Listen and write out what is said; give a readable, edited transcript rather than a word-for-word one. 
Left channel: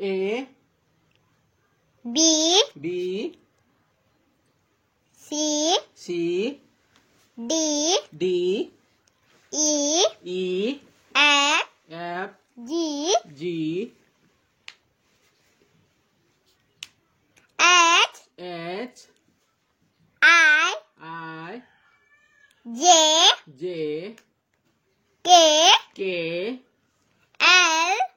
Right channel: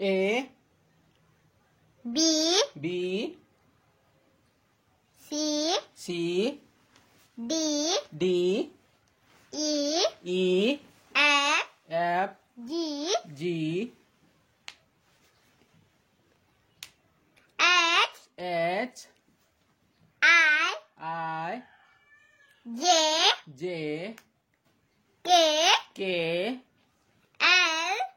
A B B C C D D E E F F G G H H I I J J K K L